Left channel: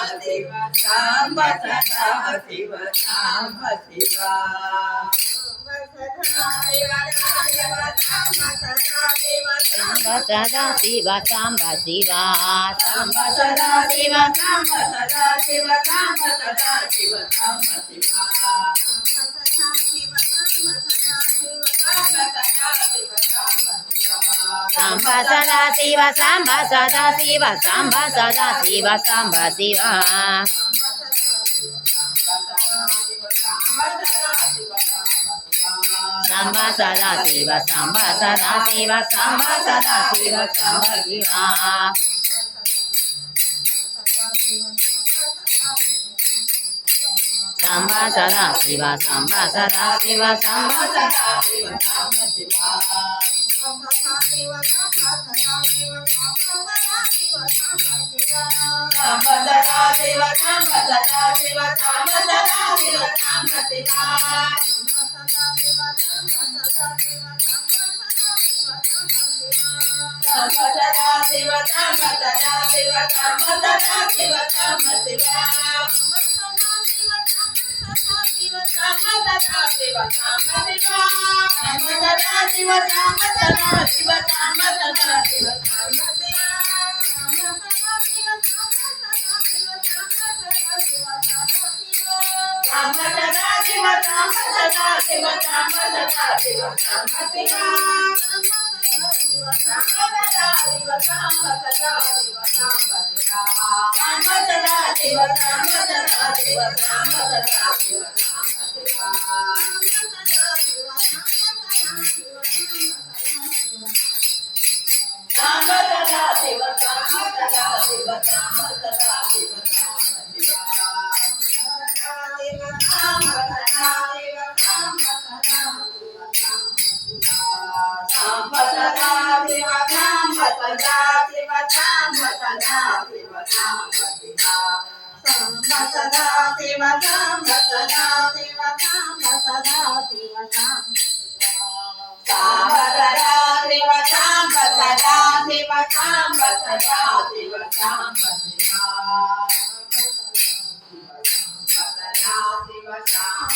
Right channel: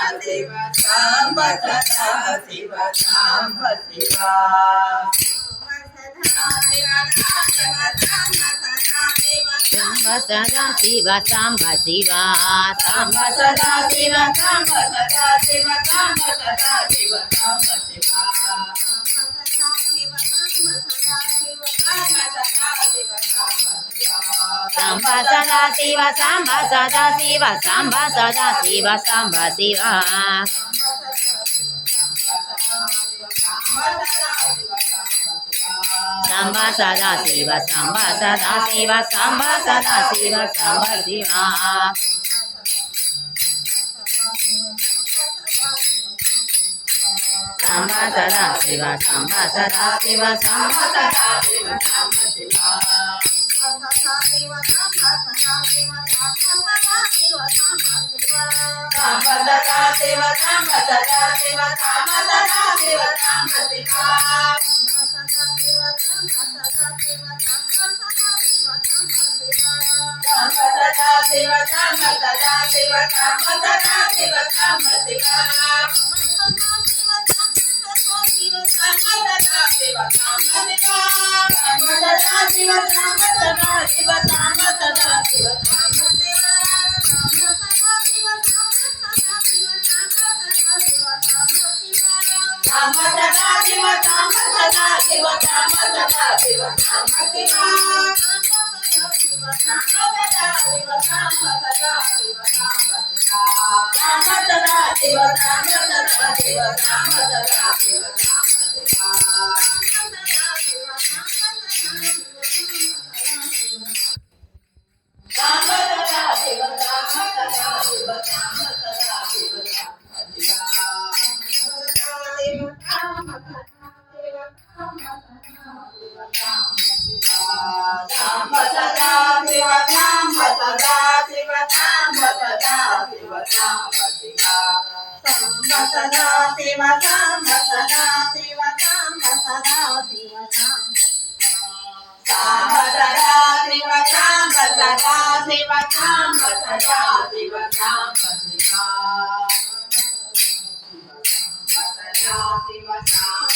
शिव सांब सदा शिव सांब शिवा सांब सदा शिव सांब शिवा सांब सदा शिव सांब सदा शिव सांब सदा शिव सांब शिवा सांब सदा शिव सांब सदा शिव सांब सदा शिव सांब शिवा सांब सदा शिव सांब सदा शिव सांब सदा शिव सांब शिवा सांब सदा शिव सांब सदा शिव सांब सदा शिव सांब शिवा सांब सदा शिव सांब सदा शिव सांब सदा शिव सांब शिवा सदा शिव सांब सदा शिव सांब सदा शिव सांब शिवा सदा शिव सांब शिवा सदा शिव सांब सदा शिव सांब सदा शिव सांब सांब सदा शिव सांब सदा शिव सांब सदा शिव सांब शिवा सांब सदा शिव सांब सदा शिव सांब शिवा सांब सदा शिव सांब सदा शिव सांब सदा शिव सांब शिवा सांब सदा शिव सांब सदा शिव सांब सदा शिव सांब शिवा सांब सदा शिव सांब सदा शिव सांब शिवा सांब सदा शिव सांब सदा शिव सांब सदा शिव सांब शिवा सांब सदा शिव सांब सदा शिव सांब सदा शिव सांब सांब सदा शिव सांब सदा शिव सांब सदा शिव सांब शिवा सदा शिव सांब